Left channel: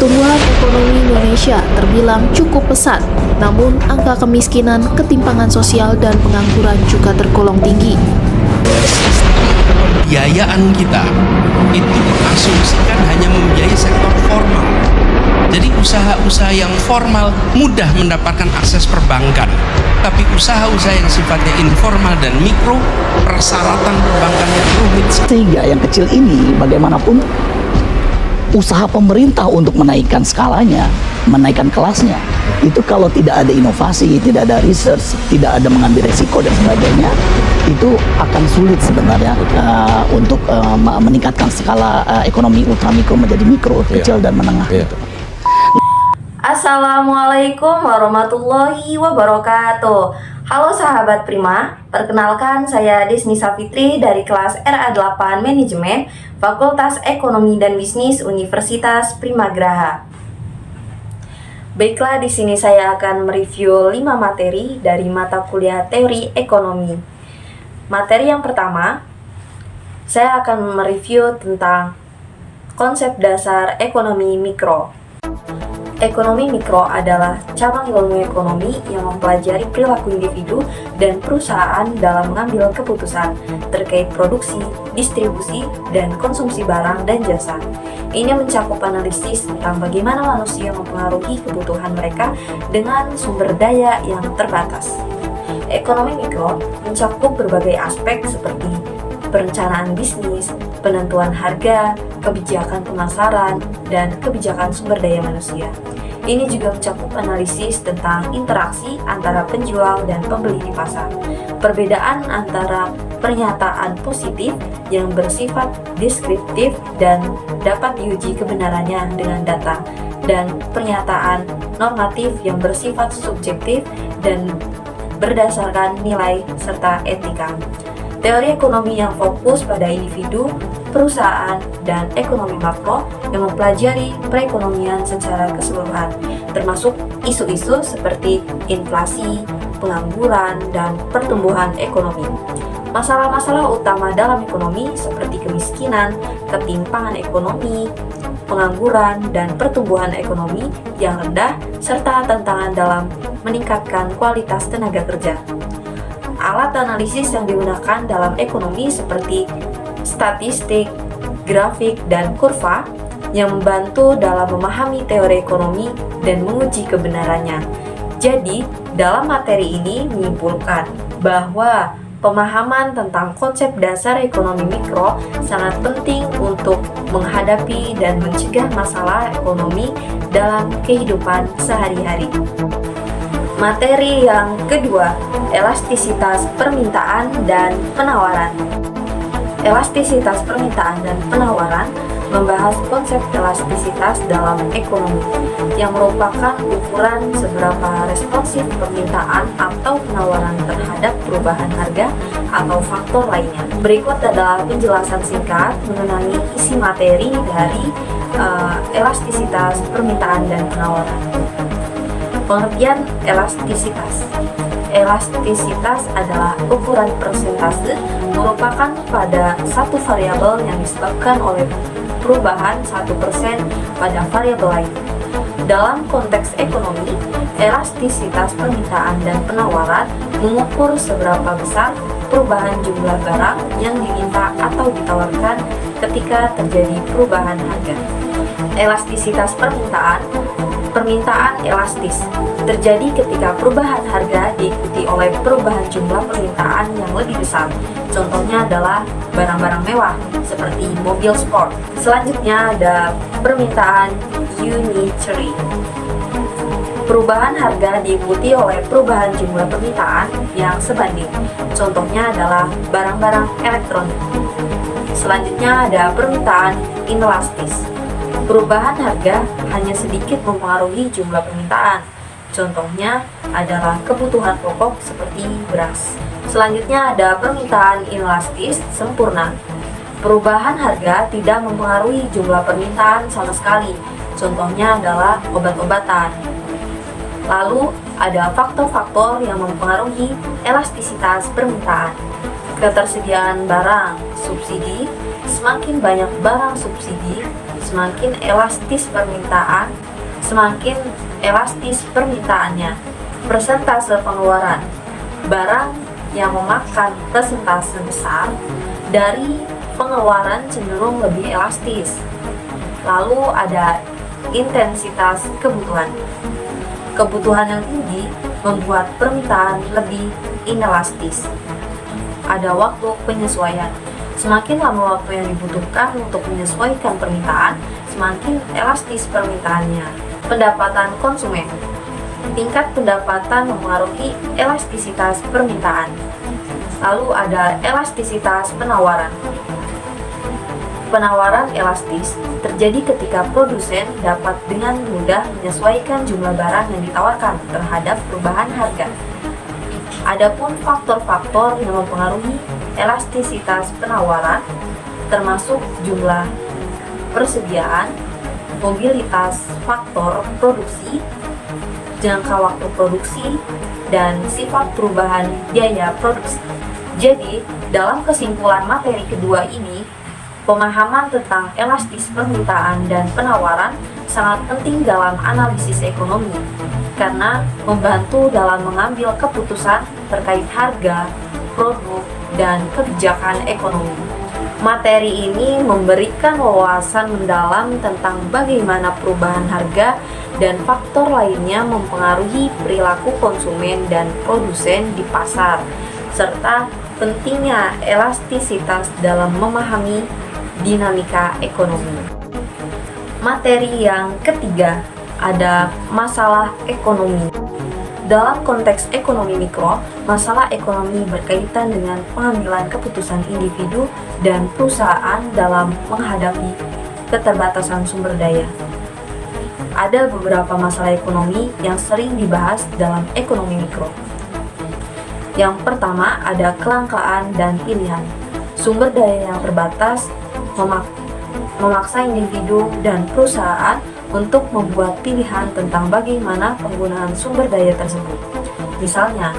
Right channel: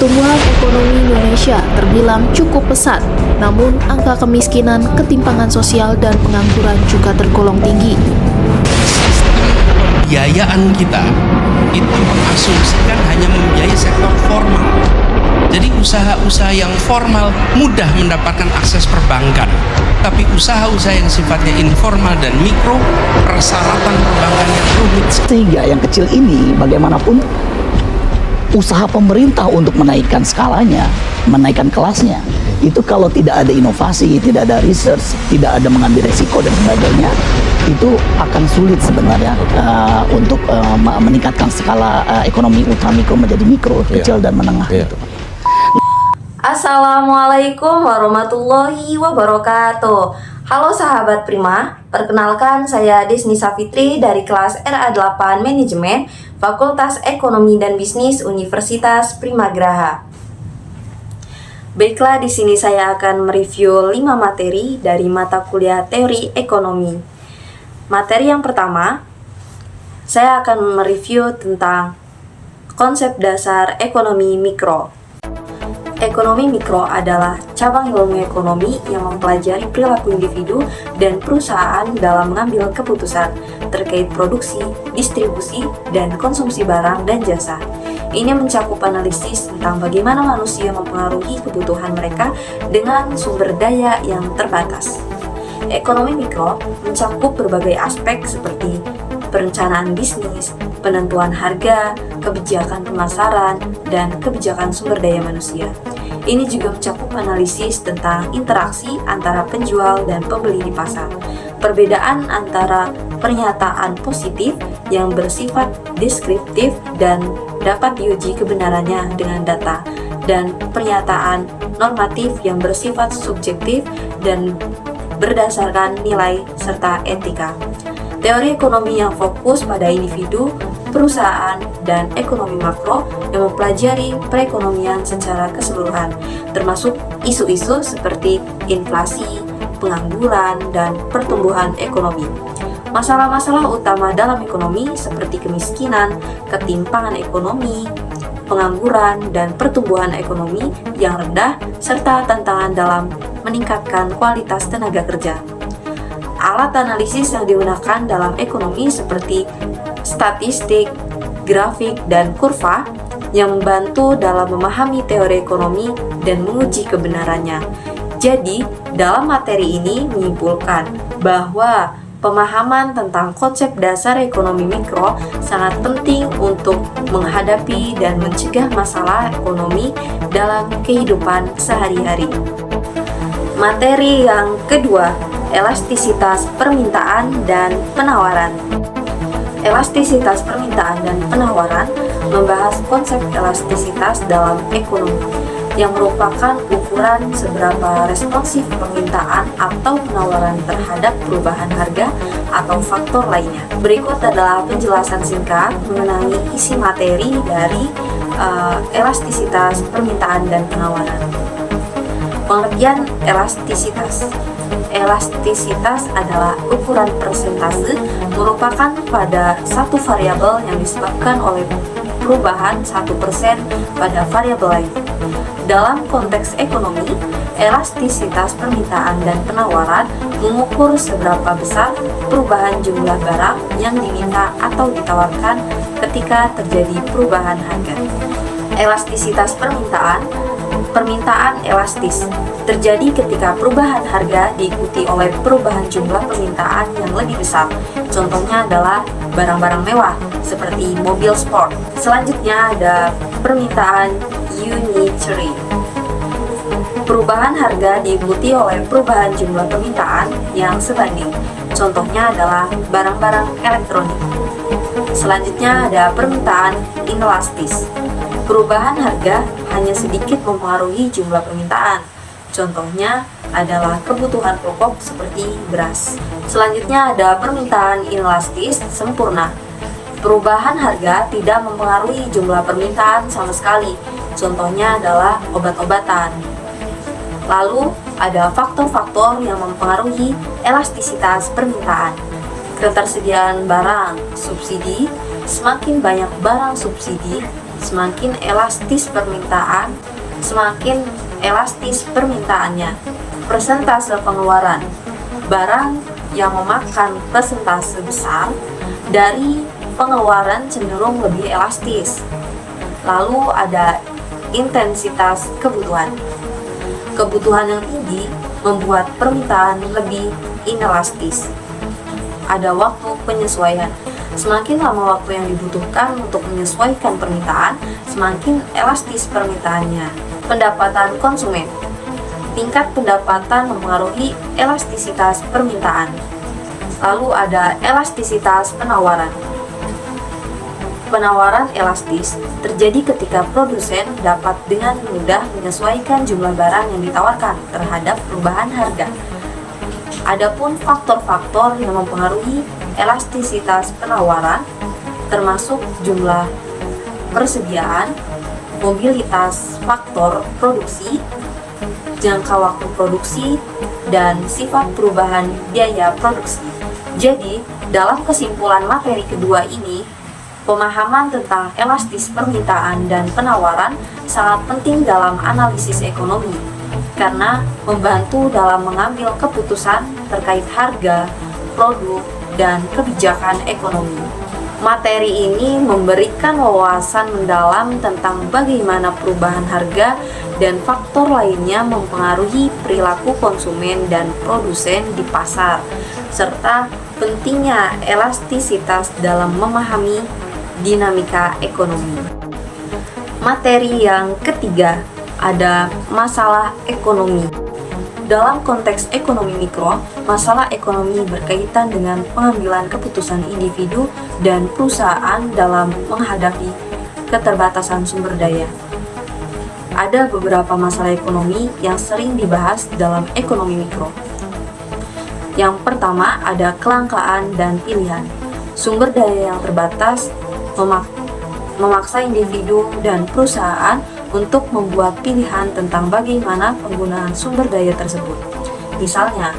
Pertumbuhan ekonomi Indonesia terbilang cukup pesat, namun angka kemiskinan, ketimpangan sosial, dan pengangguran juga tergolong tinggi. Sistem pembiayaan kita itu mengasumsikan hanya membiayai sektor formal. Jadi usaha-usaha yang formal mudah mendapatkan akses perbankan, tapi usaha-usaha yang sifatnya informal dan mikro, persyaratan perbankannya rumit. Sehingga yang kecil ini bagaimanapun usaha pemerintah untuk menaikkan skalanya, menaikkan kelasnya, itu kalau tidak ada inovasi, tidak ada research, tidak ada mengambil resiko dan sebagainya, itu akan sulit sebenarnya untuk meningkatkan skala ekonomi ultramikro menjadi mikro, kecil dan menengah. Gitu. Assalamualaikum warahmatullahi wabarakatuh. Halo sahabat Prima, perkenalkan saya Desni Safitri dari kelas RA8 Manajemen Fakultas Ekonomi dan Bisnis Universitas Primagraha. Baiklah, di sini saya akan mereview 5 materi dari mata kuliah Teori Ekonomi. Materi yang pertama, saya akan mereview tentang konsep dasar ekonomi mikro. Ekonomi mikro adalah cabang ilmu ekonomi yang mempelajari perilaku individu dan perusahaan dalam mengambil keputusan terkait produksi, distribusi, dan konsumsi barang dan jasa. Ini mencakup analisis tentang bagaimana manusia mempengaruhi kebutuhan mereka dengan sumber daya yang terbatas. Ekonomi mikro mencakup berbagai aspek seperti perencanaan bisnis, penentuan harga, kebijakan pemasaran, dan kebijakan sumber daya manusia. Ini juga mencakup analisis tentang interaksi antara penjual dan pembeli di pasar, perbedaan antara pernyataan positif yang bersifat deskriptif dan dapat diuji kebenarannya dengan data, dan pernyataan normatif yang bersifat subjektif dan berdasarkan nilai serta etika. Teori ekonomi yang fokus pada individu, perusahaan, dan ekonomi makro yang mempelajari perekonomian secara keseluruhan, termasuk isu-isu seperti inflasi, pengangguran, dan pertumbuhan ekonomi. Masalah-masalah utama dalam ekonomi seperti kemiskinan, ketimpangan ekonomi, pengangguran, dan pertumbuhan ekonomi yang rendah, serta tantangan dalam meningkatkan kualitas tenaga kerja. Alat analisis yang digunakan dalam ekonomi seperti statistik, grafik, dan kurva yang membantu dalam memahami teori ekonomi dan menguji kebenarannya. Jadi, dalam materi ini menyimpulkan bahwa pemahaman tentang konsep dasar ekonomi mikro sangat penting untuk menghadapi dan mencegah masalah ekonomi dalam kehidupan sehari-hari. Materi yang kedua, elastisitas permintaan dan penawaran. Elastisitas permintaan dan penawaran membahas konsep elastisitas dalam ekonomi, yang merupakan ukuran seberapa responsif permintaan atau penawaran terhadap perubahan harga atau faktor lainnya. Berikut adalah penjelasan singkat mengenai isi materi dari elastisitas permintaan dan penawaran. Pengertian elastisitas. Elastisitas adalah ukuran persentase merupakan pada satu variabel yang disebabkan oleh perubahan 1% pada variabel lain. Dalam konteks ekonomi, elastisitas permintaan dan penawaran mengukur seberapa besar perubahan jumlah barang yang diminta atau ditawarkan ketika terjadi perubahan harga. Elastisitas permintaan elastis terjadi ketika perubahan harga diikuti oleh perubahan jumlah permintaan yang lebih besar. Contohnya adalah barang-barang mewah seperti mobil sport. Selanjutnya ada permintaan unitary. Perubahan harga diikuti oleh perubahan jumlah permintaan yang sebanding. Contohnya adalah barang-barang elektronik. Selanjutnya ada permintaan inelastis. Perubahan harga hanya sedikit mempengaruhi jumlah permintaan. Contohnya adalah kebutuhan pokok seperti beras. Selanjutnya ada permintaan inelastis sempurna. Perubahan harga tidak mempengaruhi jumlah permintaan sama sekali. Contohnya adalah obat-obatan. Lalu ada faktor-faktor yang mempengaruhi elastisitas permintaan. Ketersediaan barang subsidi. Semakin banyak barang subsidi, semakin elastis permintaannya. Persentase pengeluaran. Barang yang memakan persentase besar dari pengeluaran cenderung lebih elastis. Lalu ada intensitas kebutuhan. Kebutuhan yang tinggi membuat permintaan lebih inelastis. Ada waktu penyesuaian. Semakin lama waktu yang dibutuhkan untuk menyesuaikan permintaan, semakin elastis permintaannya. Pendapatan konsumen. Tingkat pendapatan mempengaruhi elastisitas permintaan. Lalu ada elastisitas penawaran. Penawaran elastis terjadi ketika produsen dapat dengan mudah menyesuaikan jumlah barang yang ditawarkan terhadap perubahan harga. Adapun faktor-faktor yang mempengaruhi elastisitas penawaran termasuk jumlah persediaan, mobilitas faktor produksi, jangka waktu produksi, dan sifat perubahan biaya produksi. Jadi, dalam kesimpulan materi kedua ini, pemahaman tentang elastis permintaan dan penawaran sangat penting dalam analisis ekonomi karena membantu dalam mengambil keputusan terkait harga, produk, dan kebijakan ekonomi. Materi ini memberikan wawasan mendalam tentang bagaimana perubahan harga dan faktor lainnya mempengaruhi perilaku konsumen dan produsen di pasar, serta pentingnya elastisitas dalam memahami dinamika ekonomi. Materi yang ketiga ada masalah ekonomi. Dalam konteks ekonomi mikro, masalah ekonomi berkaitan dengan pengambilan keputusan individu dan perusahaan dalam menghadapi keterbatasan sumber daya. Ada beberapa masalah ekonomi yang sering dibahas dalam ekonomi mikro. Yang pertama ada kelangkaan dan pilihan. Sumber daya yang terbatas memaksa individu dan perusahaan untuk membuat pilihan tentang bagaimana penggunaan sumber daya tersebut. Misalnya,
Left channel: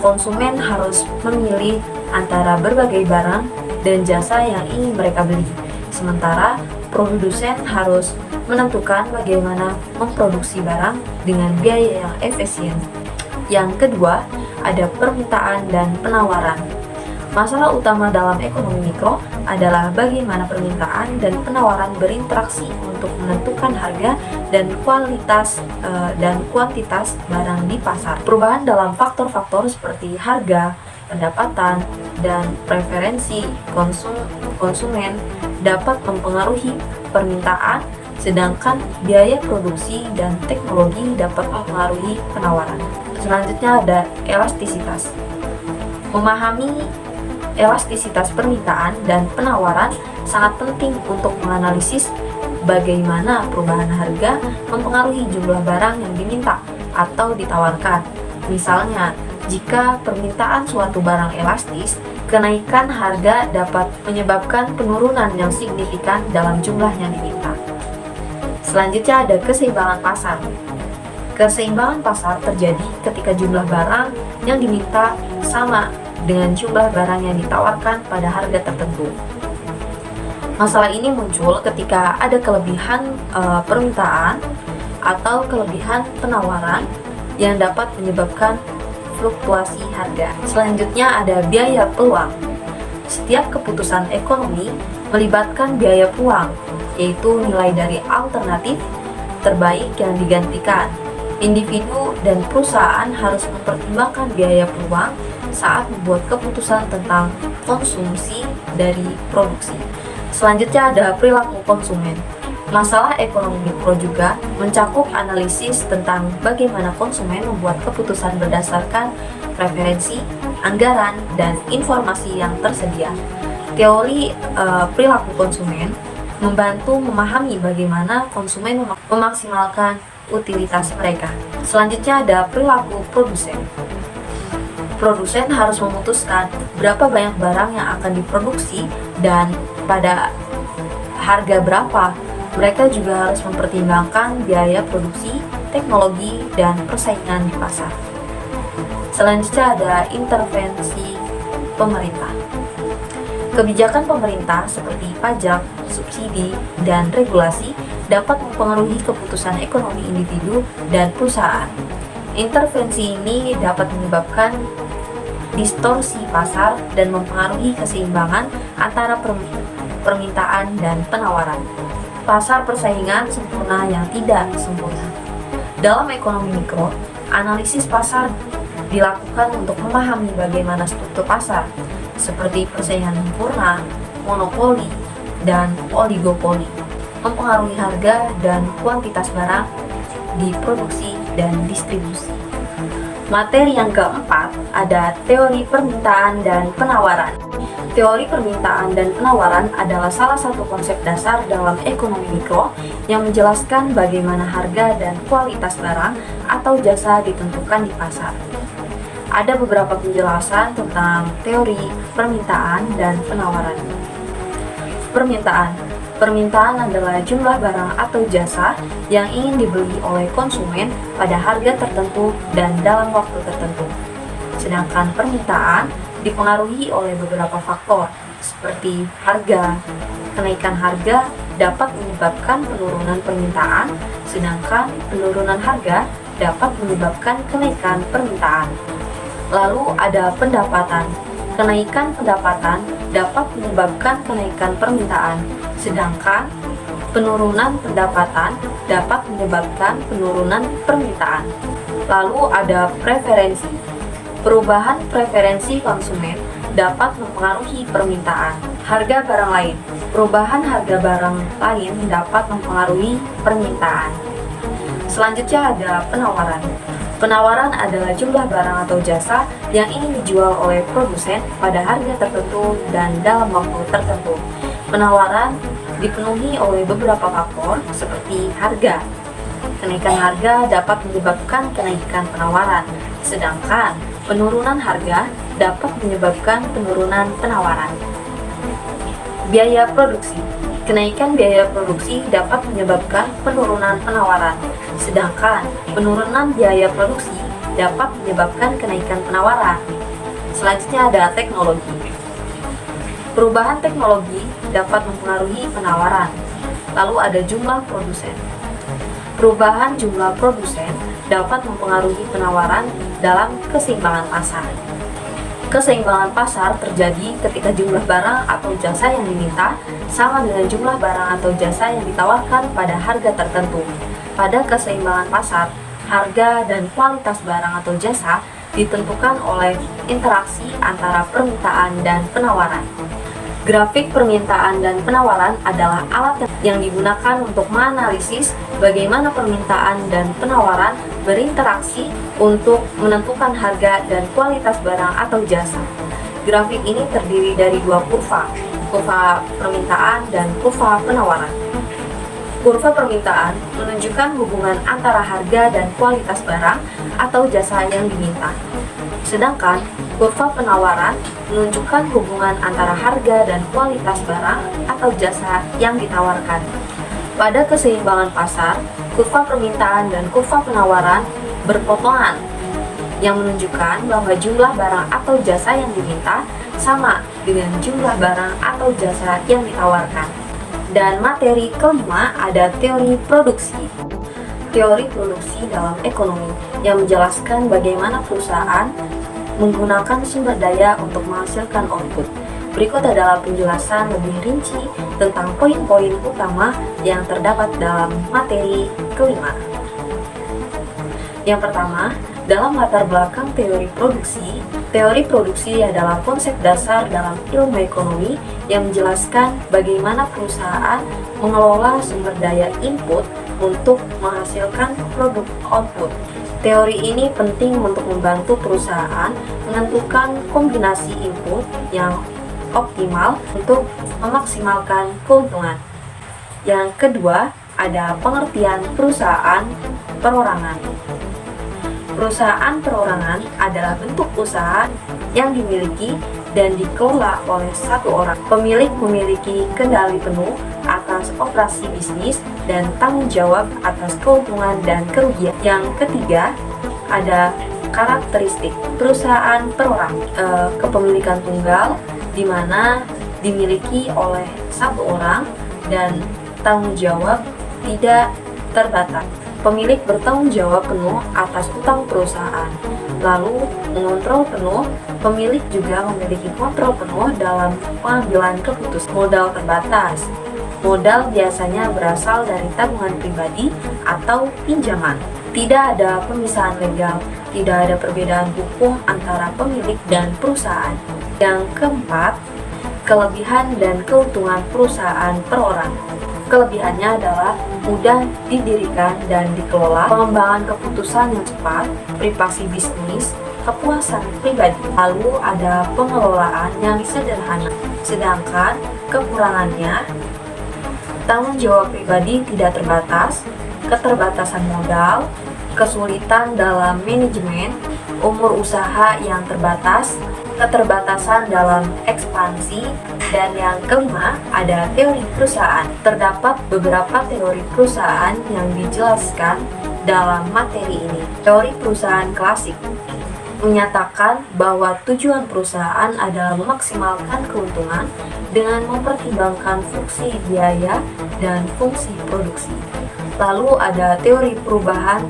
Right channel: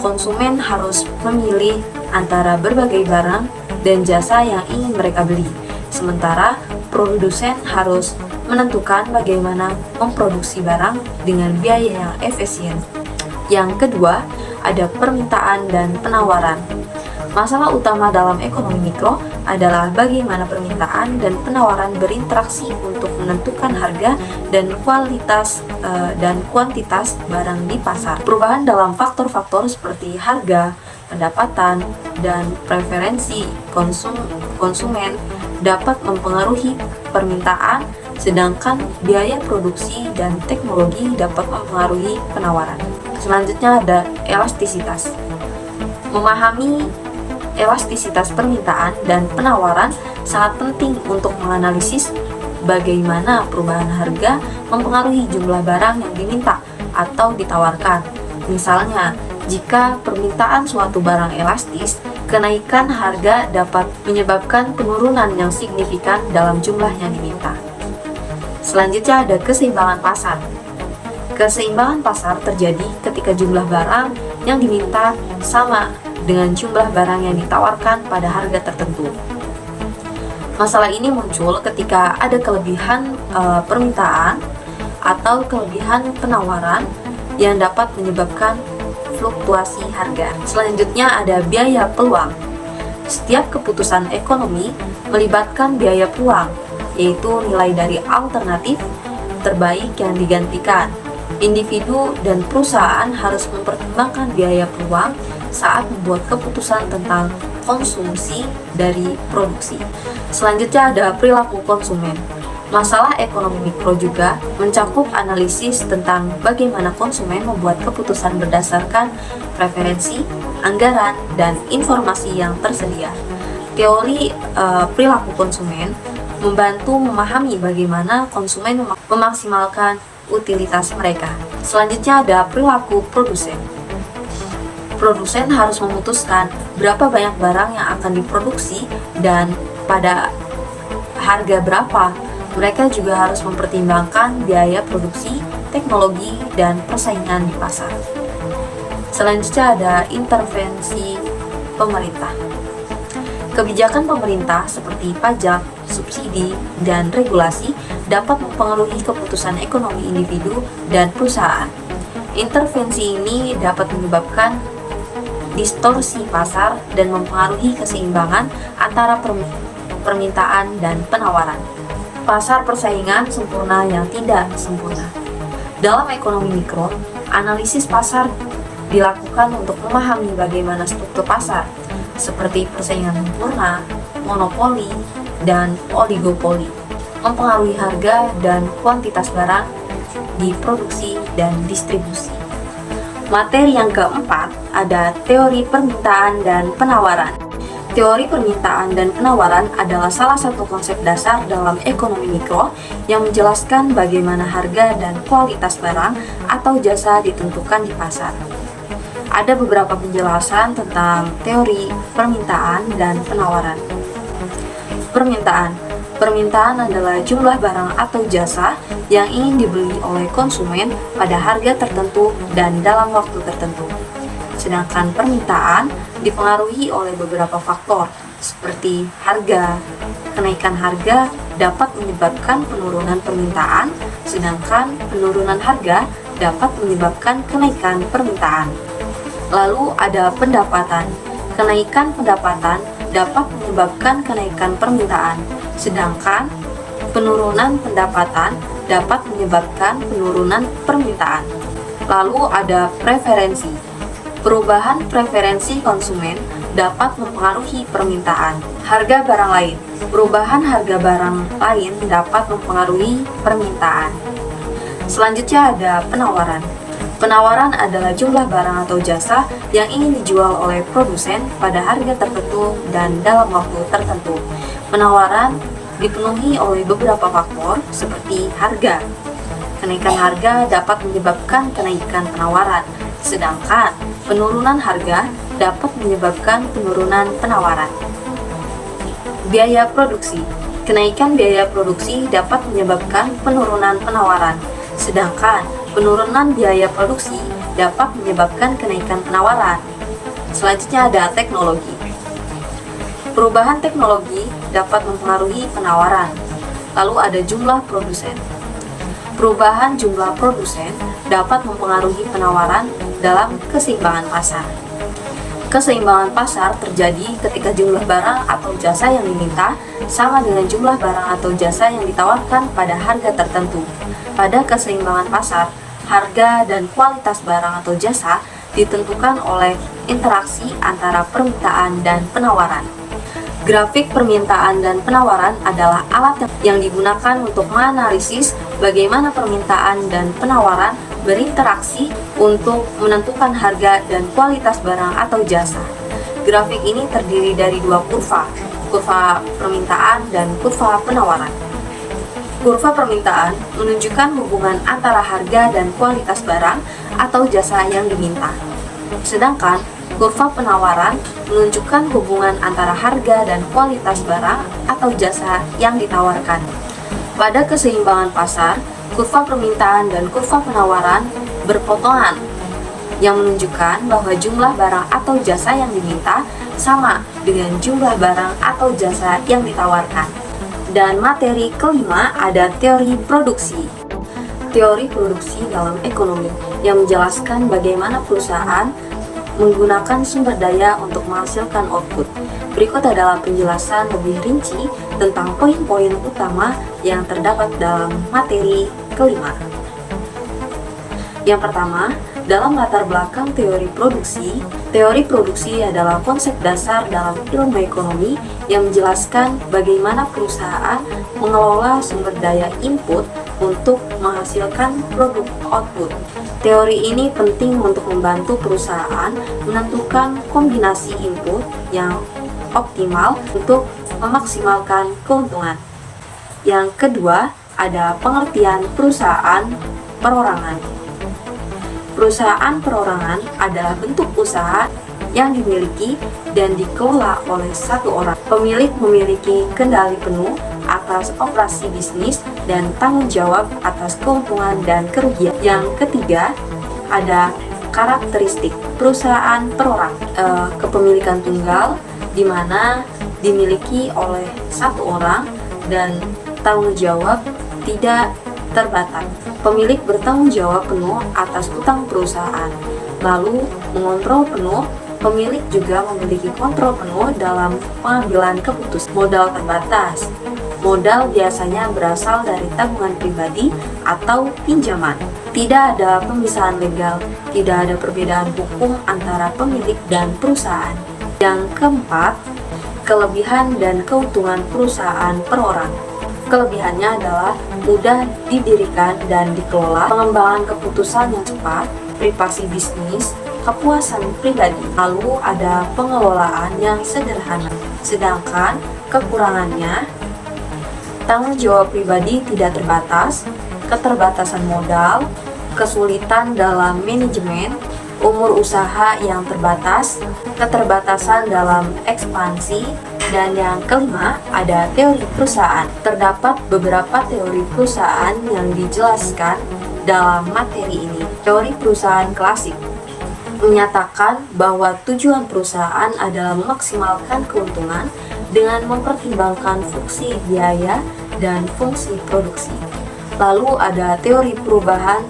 konsumen harus memilih antara berbagai barang dan jasa yang ingin mereka beli, sementara produsen harus menentukan bagaimana memproduksi barang dengan biaya yang efisien. Yang kedua, ada permintaan dan penawaran. Masalah utama dalam ekonomi mikro adalah bagaimana permintaan dan penawaran berinteraksi untuk menentukan harga dan kualitas dan kuantitas barang di pasar. Perubahan dalam faktor-faktor seperti harga, pendapatan, dan preferensi konsumen dapat mempengaruhi permintaan, sedangkan biaya produksi dan teknologi dapat mempengaruhi penawaran. Selanjutnya ada elastisitas. Memahami elastisitas permintaan dan penawaran sangat penting untuk menganalisis bagaimana perubahan harga mempengaruhi jumlah barang yang diminta atau ditawarkan. Misalnya, jika permintaan suatu barang elastis, kenaikan harga dapat menyebabkan penurunan yang signifikan dalam jumlah yang diminta. Selanjutnya ada keseimbangan pasar. Keseimbangan pasar terjadi ketika jumlah barang yang diminta sama dengan jumlah barang yang ditawarkan pada harga tertentu. Masalah ini muncul ketika ada kelebihan permintaan atau kelebihan penawaran yang dapat menyebabkan fluktuasi harga. Selanjutnya ada biaya peluang. Setiap keputusan ekonomi melibatkan biaya peluang, yaitu nilai dari alternatif terbaik yang digantikan. Individu dan perusahaan harus mempertimbangkan biaya peluang saat membuat keputusan tentang konsumsi dari produksi. Selanjutnya ada perilaku konsumen. Masalah ekonomi mikro juga mencakup analisis tentang bagaimana konsumen membuat keputusan berdasarkan preferensi, anggaran, dan informasi yang tersedia. Teori perilaku konsumen membantu memahami bagaimana konsumen memaksimalkan utilitas mereka. Selanjutnya ada perilaku produsen. Produsen harus memutuskan berapa banyak barang yang akan diproduksi dan pada harga berapa. Mereka juga harus mempertimbangkan biaya produksi, teknologi, dan persaingan di pasar. Selanjutnya ada intervensi pemerintah. Kebijakan pemerintah seperti pajak, subsidi, teknologi, dan regulasi dapat mempengaruhi keputusan ekonomi individu dan perusahaan. Intervensi ini dapat menyebabkan distorsi pasar dan mempengaruhi keseimbangan antara permintaan dan penawaran. Pasar persaingan sempurna yang tidak sempurna. Dalam ekonomi mikro, analisis pasar dilakukan untuk memahami bagaimana struktur pasar, seperti persaingan sempurna, monopoli, dan oligopoli, mempengaruhi harga dan kuantitas barang di produksi dan distribusi. Materi yang keempat ada teori permintaan dan penawaran. Teori permintaan dan penawaran adalah salah satu konsep dasar dalam ekonomi mikro yang menjelaskan bagaimana harga dan kualitas barang atau jasa ditentukan di pasar. Ada beberapa penjelasan tentang teori permintaan dan penawaran. Permintaan adalah jumlah barang atau jasa yang ingin dibeli oleh konsumen pada harga tertentu dan dalam waktu tertentu. Sedangkan permintaan dipengaruhi oleh beberapa faktor seperti harga. Kenaikan harga dapat menyebabkan penurunan permintaan, sedangkan penurunan harga dapat menyebabkan kenaikan permintaan. Lalu ada pendapatan. Kenaikan pendapatan dapat menyebabkan kenaikan permintaan, sedangkan penurunan pendapatan dapat menyebabkan penurunan permintaan. Lalu ada preferensi. Perubahan preferensi konsumen dapat mempengaruhi permintaan. Harga barang lain. Perubahan harga barang lain dapat mempengaruhi permintaan. Selanjutnya ada penawaran. Penawaran adalah jumlah barang atau jasa yang ingin dijual oleh produsen pada harga tertentu dan dalam waktu tertentu. Penawaran dipenuhi oleh beberapa faktor seperti harga. Kenaikan harga dapat menyebabkan kenaikan penawaran, sedangkan penurunan harga dapat menyebabkan penurunan penawaran. Biaya produksi. Kenaikan biaya produksi dapat menyebabkan penurunan penawaran, sedangkan penurunan biaya produksi dapat menyebabkan kenaikan penawaran. Selanjutnya ada teknologi. Perubahan teknologi dapat mempengaruhi penawaran. Lalu ada jumlah produsen. Perubahan jumlah produsen dapat mempengaruhi penawaran dalam keseimbangan pasar. Keseimbangan pasar terjadi ketika jumlah barang atau jasa yang diminta sama dengan jumlah barang atau jasa yang ditawarkan pada harga tertentu. Pada keseimbangan pasar, harga dan kualitas barang atau jasa ditentukan oleh interaksi antara permintaan dan penawaran. Grafik permintaan dan penawaran adalah alat yang digunakan untuk menganalisis bagaimana permintaan dan penawaran berinteraksi untuk menentukan harga dan kualitas barang atau jasa. Grafik ini terdiri dari dua kurva permintaan dan kurva penawaran. Kurva permintaan menunjukkan hubungan antara harga dan kualitas barang atau jasa yang diminta. Sedangkan kurva penawaran menunjukkan hubungan antara harga dan kualitas barang atau jasa yang ditawarkan. Pada keseimbangan pasar, kurva permintaan dan kurva penawaran berpotongan, yang menunjukkan bahwa jumlah barang atau jasa yang diminta sama dengan jumlah barang atau jasa yang ditawarkan. Dan materi kelima ada teori produksi. Teori produksi dalam ekonomi yang menjelaskan bagaimana perusahaan menggunakan sumber daya untuk menghasilkan output. Berikut adalah penjelasan lebih rinci tentang poin-poin utama yang terdapat dalam materi kelima. Yang pertama, dalam latar belakang teori produksi adalah konsep dasar dalam ilmu ekonomi yang menjelaskan bagaimana perusahaan mengelola sumber daya input untuk menghasilkan produk output. Teori ini penting untuk membantu perusahaan menentukan kombinasi input yang optimal untuk memaksimalkan keuntungan. Yang kedua, ada pengertian perusahaan perorangan. Perusahaan perorangan adalah bentuk usaha yang dimiliki dan dikelola oleh satu orang. Pemilik memiliki kendali penuh atas operasi bisnis dan tanggung jawab atas keuntungan dan kerugian. Yang ketiga, ada karakteristik perusahaan kepemilikan tunggal di mana dimiliki oleh satu orang dan tanggung jawab tidak terbatas. Pemilik bertanggung jawab penuh atas utang perusahaan, lalu mengontrol penuh. Pemilik juga memiliki kontrol penuh dalam pengambilan keputusan. Modal terbatas. Modal biasanya berasal dari tabungan pribadi atau pinjaman. Tidak ada pemisahan legal, tidak ada perbedaan hukum antara pemilik dan perusahaan. Yang keempat, kelebihan dan keuntungan perusahaan per orang. Kelebihannya adalah mudah didirikan dan dikelola, pengembangan keputusan yang cepat, privasi bisnis, kepuasan pribadi. Lalu ada pengelolaan yang sederhana. Sedangkan kekurangannya, tanggung jawab pribadi tidak terbatas, keterbatasan modal, kesulitan dalam manajemen, umur usaha yang terbatas, keterbatasan dalam ekspansi, dan yang kelima ada teori perusahaan. Terdapat beberapa teori perusahaan yang dijelaskan dalam materi ini. Teori perusahaan klasik menyatakan bahwa tujuan perusahaan adalah memaksimalkan keuntungan dengan mempertimbangkan fungsi biaya dan fungsi produksi. Lalu ada teori perubahan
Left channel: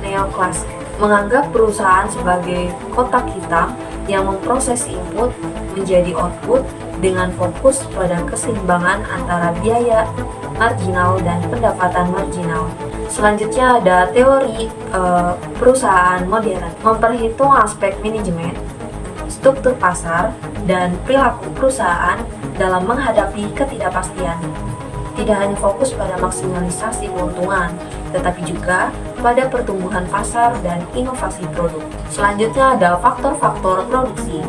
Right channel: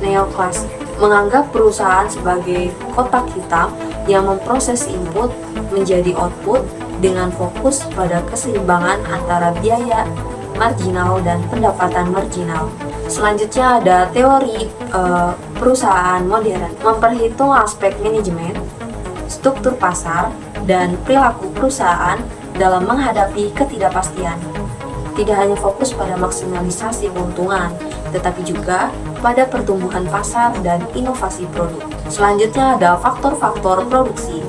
neoklasik, menganggap perusahaan sebagai kotak hitam yang memproses input menjadi output dengan fokus pada keseimbangan antara biaya marginal dan pendapatan marginal. Selanjutnya ada teori perusahaan modern, memperhitung aspek manajemen, struktur pasar, dan perilaku perusahaan dalam menghadapi ketidakpastian. Tidak hanya fokus pada maksimalisasi keuntungan, tetapi juga pada pertumbuhan pasar dan inovasi produk. Selanjutnya ada faktor-faktor produksi.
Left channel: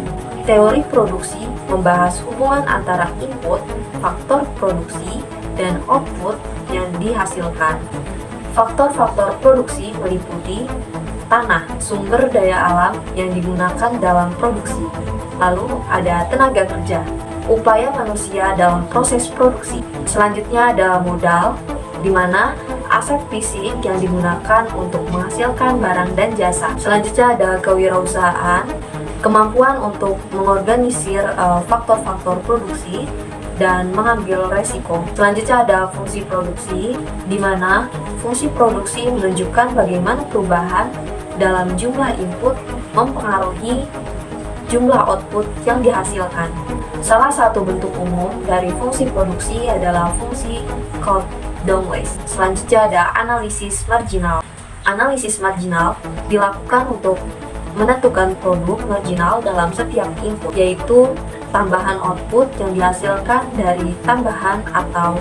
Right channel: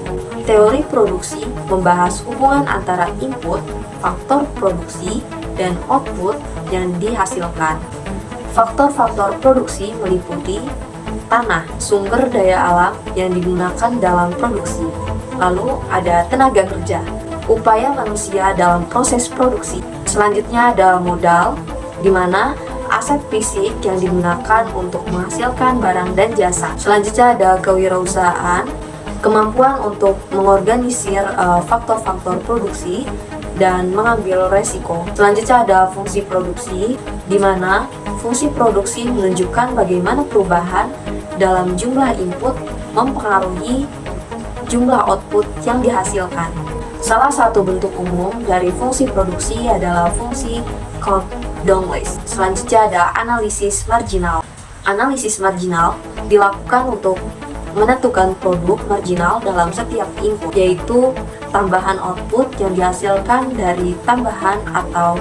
Teori produksi membahas hubungan antara input, faktor produksi, dan output yang dihasilkan. Faktor-faktor produksi meliputi tanah, sumber daya alam yang digunakan dalam produksi. Lalu ada tenaga kerja, upaya manusia dalam proses produksi. Selanjutnya ada modal, di mana aset fisik yang digunakan untuk menghasilkan barang dan jasa. Selanjutnya ada kewirausahaan, kemampuan untuk mengorganisir faktor-faktor produksi dan mengambil resiko. Selanjutnya ada fungsi produksi, di mana fungsi produksi menunjukkan bagaimana perubahan dalam jumlah input mempengaruhi jumlah output yang dihasilkan. Salah satu bentuk umum dari fungsi produksi adalah fungsi Coulomb-Douglas. Selanjutnya ada analisis marginal. Analisis marginal dilakukan untuk menentukan produk marginal dalam setiap input, yaitu tambahan output yang dihasilkan dari tambahan atau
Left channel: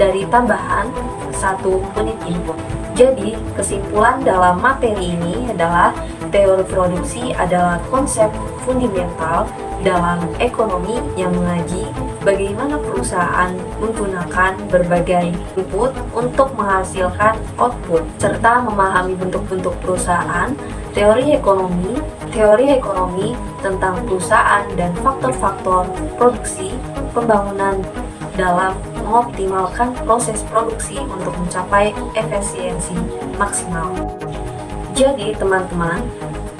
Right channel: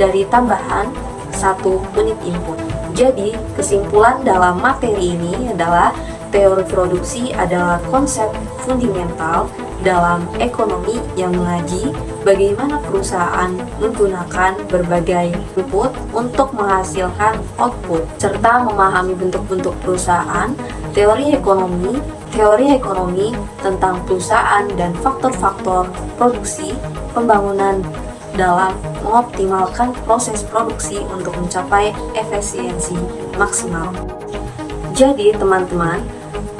dari tambahan 1 unit input. Jadi, kesimpulan dalam materi ini adalah teori produksi adalah konsep fundamental dalam ekonomi yang mengaji bagaimana perusahaan menggunakan berbagai input untuk menghasilkan output, serta memahami bentuk-bentuk perusahaan, teori ekonomi tentang perusahaan dan faktor-faktor produksi, pembangunan dalam mengoptimalkan proses produksi untuk mencapai efisiensi maksimal. Jadi teman-teman,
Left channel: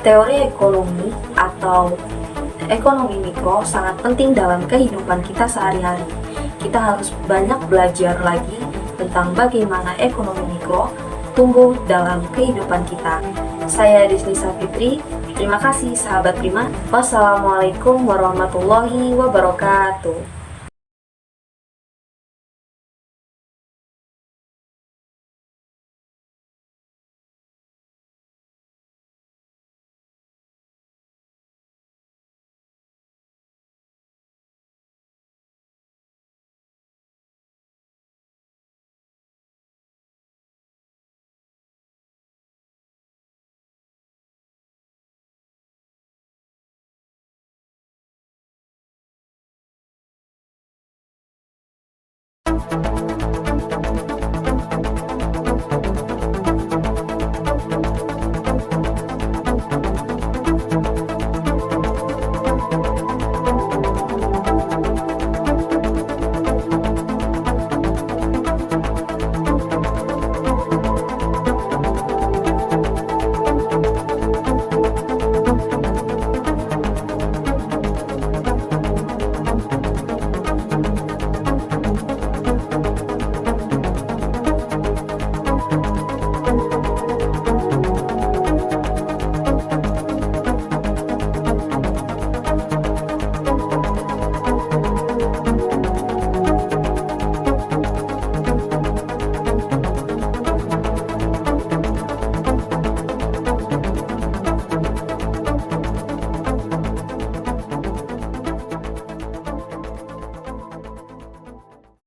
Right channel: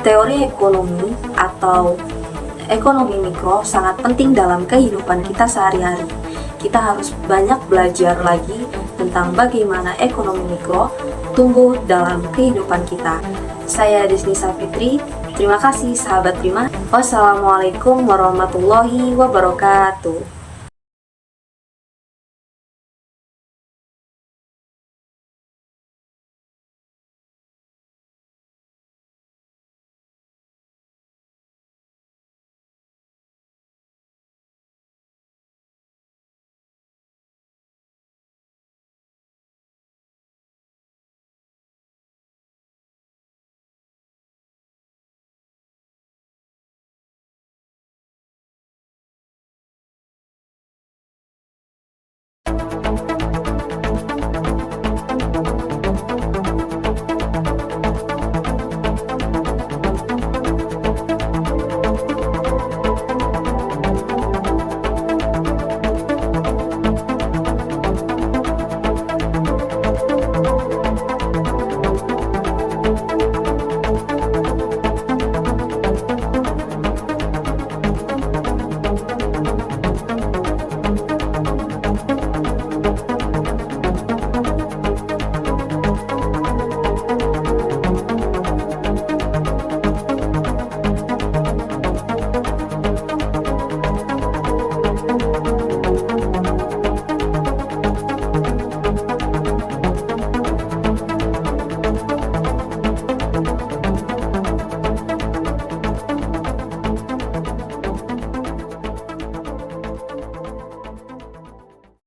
teori ekonomi atau ekonomi mikro sangat penting dalam kehidupan kita sehari-hari. Kita harus banyak belajar lagi tentang bagaimana ekonomi mikro tumbuh dalam kehidupan kita. Saya Desnisa Fitri, terima kasih sahabat Prima. Wassalamualaikum warahmatullahi wabarakatuh.